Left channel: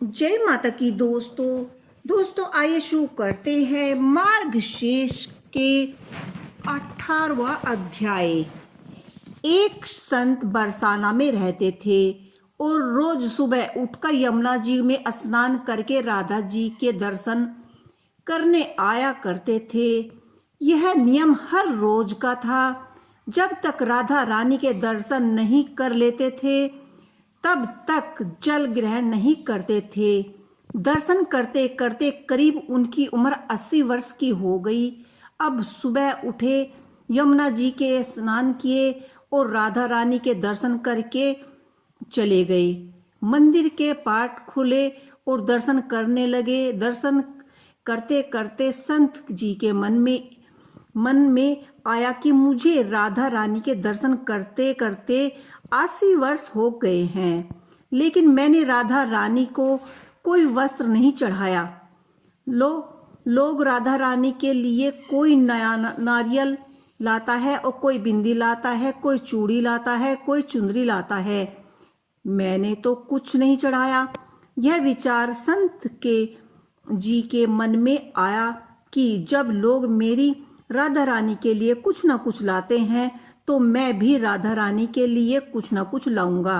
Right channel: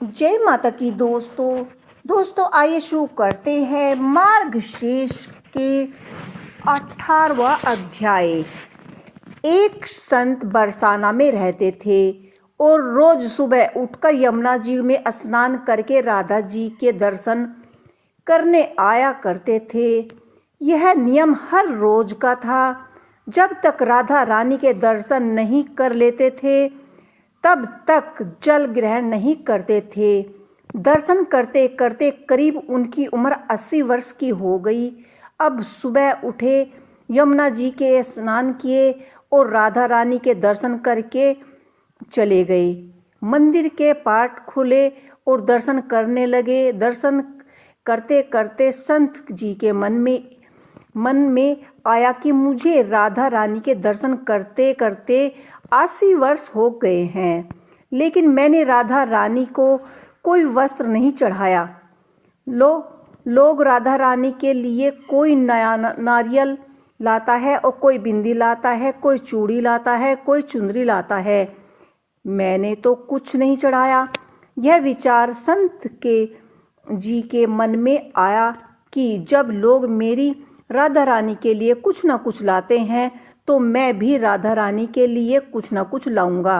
जय माता की दोस्तों आइए शुरू करते हैं मार्गशीर्ष की 18वां अध्याय। एक संत बरसाना में रहते थे और रोज सुबह उठकर यमुना जी में स्नान करके राधा जी के दर्शन करने आया करते थे। यह नियम हर रोज का था। जब तक राधा रानी के दर्शन नहीं कर लेते थे तब तक जल ग्रहण नहीं करते थे। दर्शन करते करते करीब उनकी उम्र 80 वर्ष की हो गई। अब सुबह उठे, यमुना जी के स्नान किए और राधा रानी के दर्शन करके चले गए। मंदिर के पाट खुले और दर्शन करने लगे। दर्शन करते करते संत जी के मन में आया कि मुझे राधा रानी के दर्शन करते करते 80 वर्ष हो गए हैं, लेकिन मैंने राधा रानी को कोई वस्त्र नहीं चढ़ाया। लोग राधा रानी के लिए कोई नया नारियल लाता है और कोई बिंदी लाता है, कोई चूड़ी लाता है, कोई चुंदरी लाता है। मैंने तो कुछ नहीं चढ़ाया। यह विचार संत जी के मन में आया कि जब लोग मेरी राधा रानी के लिए कुछ ना कुछ लाते हैं तो मैं भी राधा रानी के लिए कुछ ना कुछ लाऊंगा।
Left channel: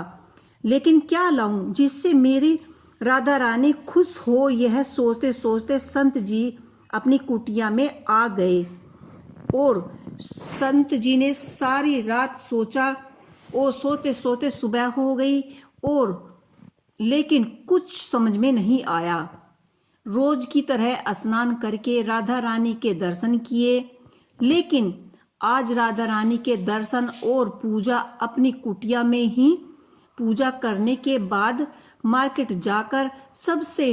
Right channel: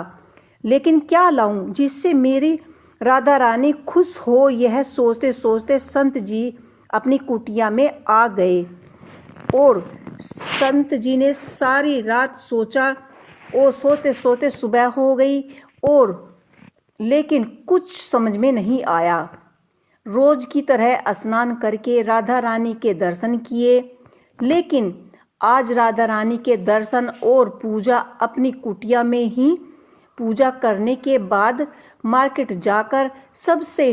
लेकिन क्या लाऊं जिससे मेरी राधा रानी खुश हो। यह सोचते सोचते संत जी अपनी कुटिया में आ गए और संत जी ने सारी रात सोचा और सोते सोते सुबह हो गई और लेकिन कुछ समझ में नहीं आया। रोज की तरह स्नान करके राधा रानी के दर्शन किए, लेकिन आज राधा रानी के दर्शन और पूजा अपनी कुटिया में ही पूजा करने के बाद मार्केट जाकर सबसे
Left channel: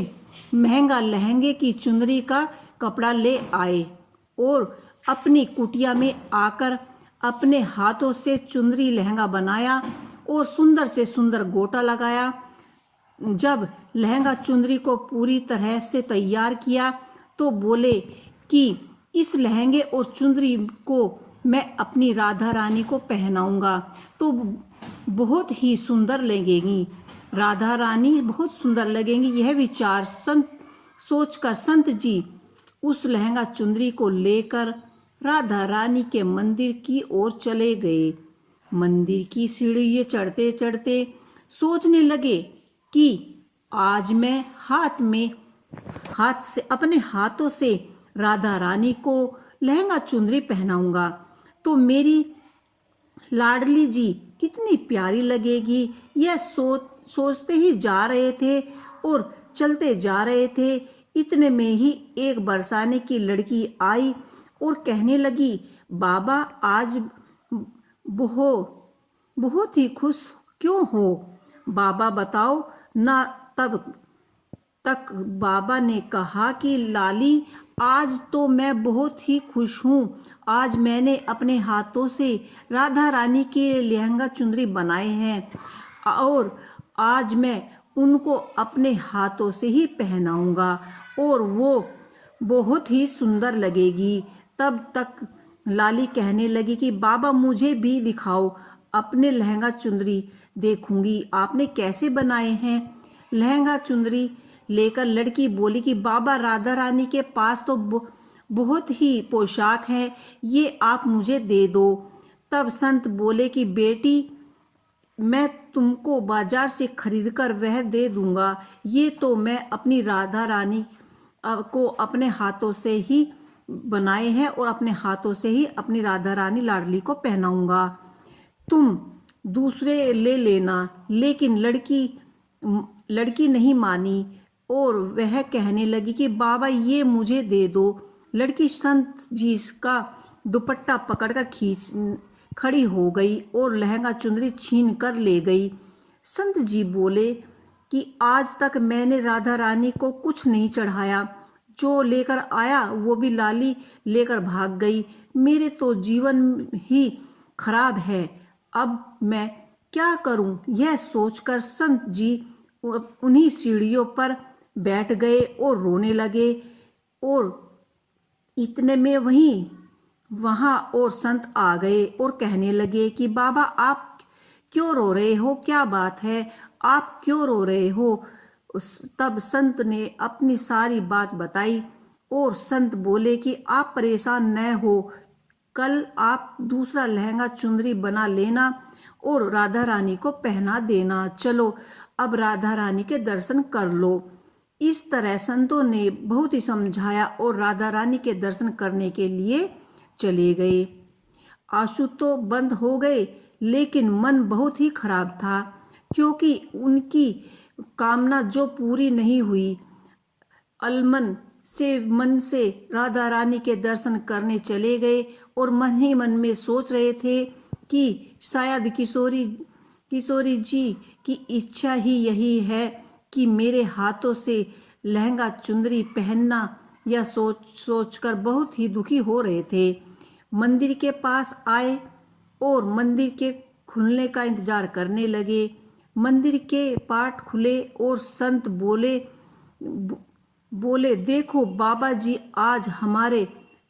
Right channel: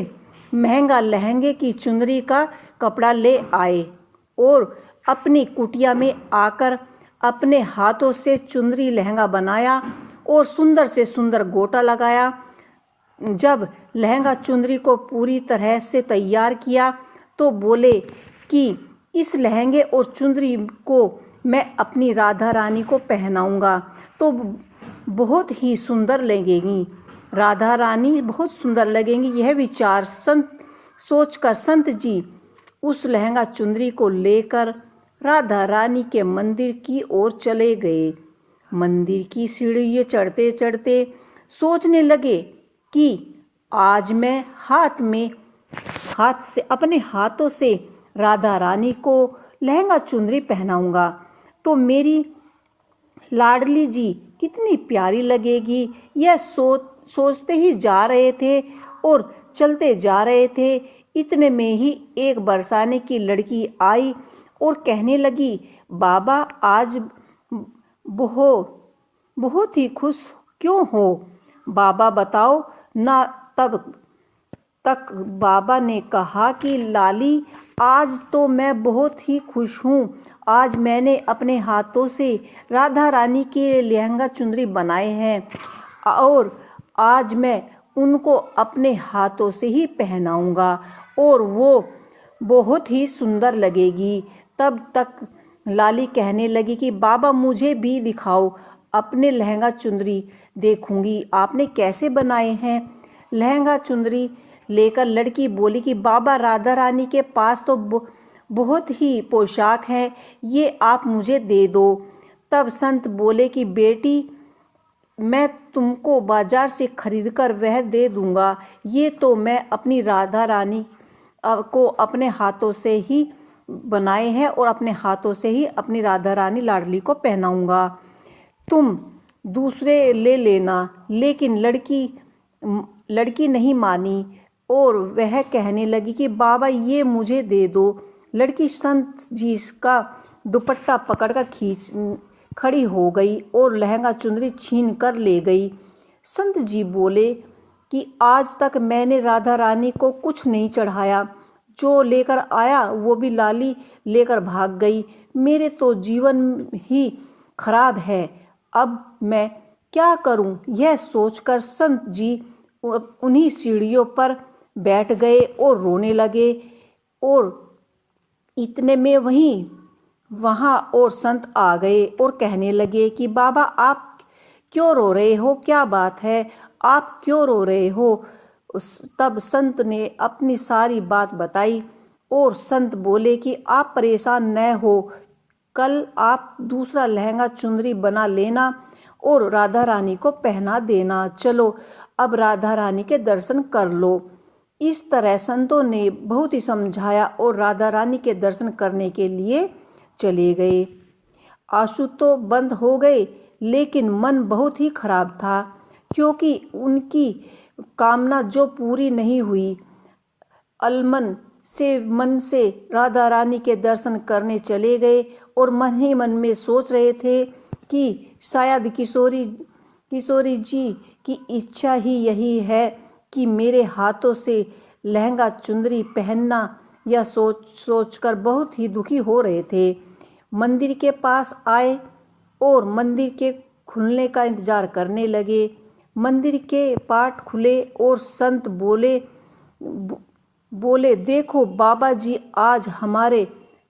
महंगा लहंगे की चुंदरी का कपड़ा ले आए और अपनी कुटिया में आकर अपने हाथों से चुंदरी लहंगा बनाया और सुंदर से सुंदर गोटा लगाया। जब लहंगा चुंदरी को पूरी तरह से तैयार किया तो बोले कि इस लहंगे और चुंदरी को मैं अपनी राधा रानी को पहनाऊंगा तो बहुत ही सुंदर लगेगी, राधा रानी बहुत सुंदर लगेंगी। यह विचार सोचकर संत जी उस लहंगा चुंदरी को लेकर राधा रानी के मंदिर की ओर चले गए। मंदिर की सीढ़ियां चढ़ते चढ़ते सोचने लगे कि आज मैं अपने हाथों से राधा रानी को लहंगा चुंदरी पहनाऊंगा तो मेरी लाडली जी कितनी प्यारी लगेगी। यह सोचते ही जा रहे थे और चलते जा रहे थे। इतने में ही एक बरसाने की लड़की आई और कहने लगी, बाबा आज बहुत ही खुश क्यों हो? बाबा बताओ ना। तब तक बाबा ने कहा कि लाली आज तो मैं बहुत ही खुश हूँ। आज मैंने अपने हाथों से राधा रानी के लहंगा चुंदरी बनाए हैं और आज मैं उनको अपने हाथों से ही पहनाऊंगा और वो बहुत ही सुंदर लगेगी। तब तक लाली कहने लगी कि बाबा मुझे भी दिखाओ, अपने लहंगा चुंदरी देखूंगी आपने कैसे बनाए हैं। लहंगा चुंदरी लेकर लड़की बोली कि बाबा राधा रानी के पास तो बहुत ही पोशाक है, ये आप मुझे दे दो। तब संत बोले कि बेटी मैं तुमको बाजार से खरीदकर वह दे दूंगा, ये तो मैं अपनी राधा रानी को अपने हाथों से ही बनाए हैं और अपने हाथों से ही अपनी राधा रानी लाडली को पहनाऊंगा, तुम दूसरे ले लेना। लेकिन लड़की नहीं मानी और वह कहने लगी कि बाबा ये मुझे दे दो। लड़की संत जी का दुपट्टा पकड़कर खड़ी हो गई और लहंगा चुंदरी छीन कर ले गई। संत जी बोले कि आज तक मैंने राधा रानी को कुछ नहीं चढ़ाया, जो लेकर आया वो भी लाली लेकर भाग गई। मेरे तो जीवन ही खराब है, अब मैं क्या करूं? यह सोचकर संत जी उन्हीं सीढ़ियों पर बैठ गए और रोने लगे और इतने में वहाँ और संत आ गए और कहने लगे कि बाबा आप क्यों रो रहे हो? क्या बात है, आप क्यों रो रहे हो? तब संत ने अपनी सारी बात बताई और संत बोले कि आप परेशान न हो, कल आप दूसरा लहंगा चुंदरी बना लेना और राधा रानी को पहना देना। चलो अब राधा रानी के दर्शन कर लो। इस तरह संतों ने बहुत ही समझाया और राधा रानी के दर्शन करने के लिए चले गए। आंसू तो बंद हो गए, लेकिन मन बहुत ही खराब था, क्योंकि उनकी कामना जो पूरी नहीं हुई। अलमन से मन से राधा रानी के दर्शन करने चले गए और मन ही मन में सोच रहे थे कि शायद किशोरी जी की इच्छा ही यही है कि मेरे हाथों से लहंगा चुंदरी पहनना। यह सोचकर बहुत ही दुखी हो रहे थे। मंदिर के पास आए और मंदिर के खुलने का इंतजार करने लगे। मंदिर के पाट खुले और संत बोले देखो बाबा जी, आज हमारे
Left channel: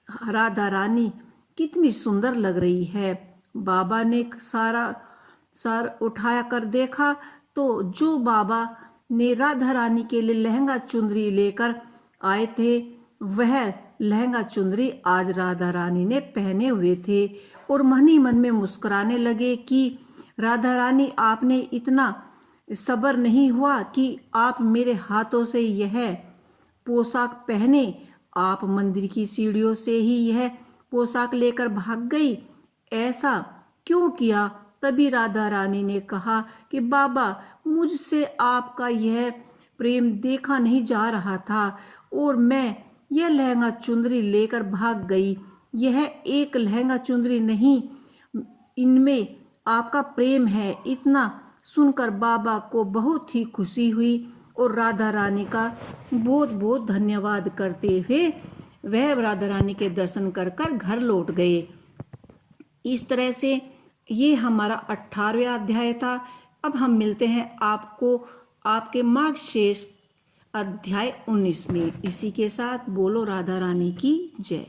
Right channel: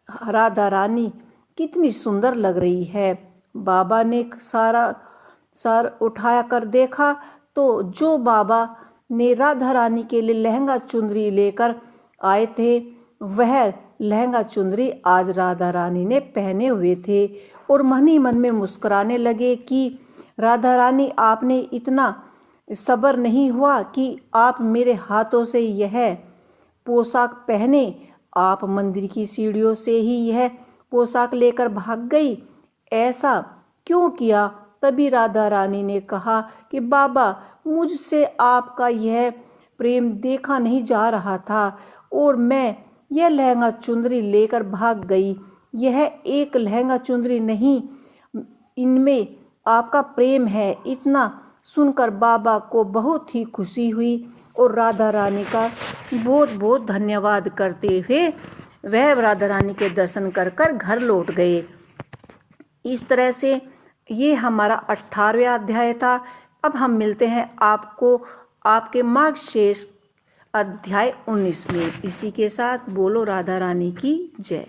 राधा रानी कितनी सुंदर लग रही है। बाबा ने सार उठाया कर देखा तो जो बाबा ने राधा रानी के लिए लहंगा चुंदरी लेकर आए थे, वह लहंगा चुंदरी आज राधा रानी ने पहने हुए थे और मन ही मन में मुस्कुराने लगे कि राधा रानी, आपने इतना सब्र नहीं हुआ कि आप मेरे हाथों से यह पोशाक पहने। आप मंदिर की सीढ़ियों से ही यह पोशाक लेकर भाग गई, ऐसा क्यों किया? तभी राधा रानी ने कहा कि बाबा, मुझसे आपका यह प्रेम देखा नहीं जा रहा था और मैं यह लहंगा चुंदरी लेकर भाग गई। यह एक लहंगा चुंदरी नहीं, इनमें आपका प्रेम है। इतना सुनकर बाबा को बहुत ही खुशी हुई और राधा रानी का बहुत बहुत धन्यवाद करते हुए वह राधा रानी के दर्शन कर घर लौट गए। इस तरह से ये हमारा 18वां अध्याय था। अब हम मिलते हैं आपको आपके मार्गशीर्ष अध्याय 19 में। इसी के साथ बोलो राधा रानी की जय।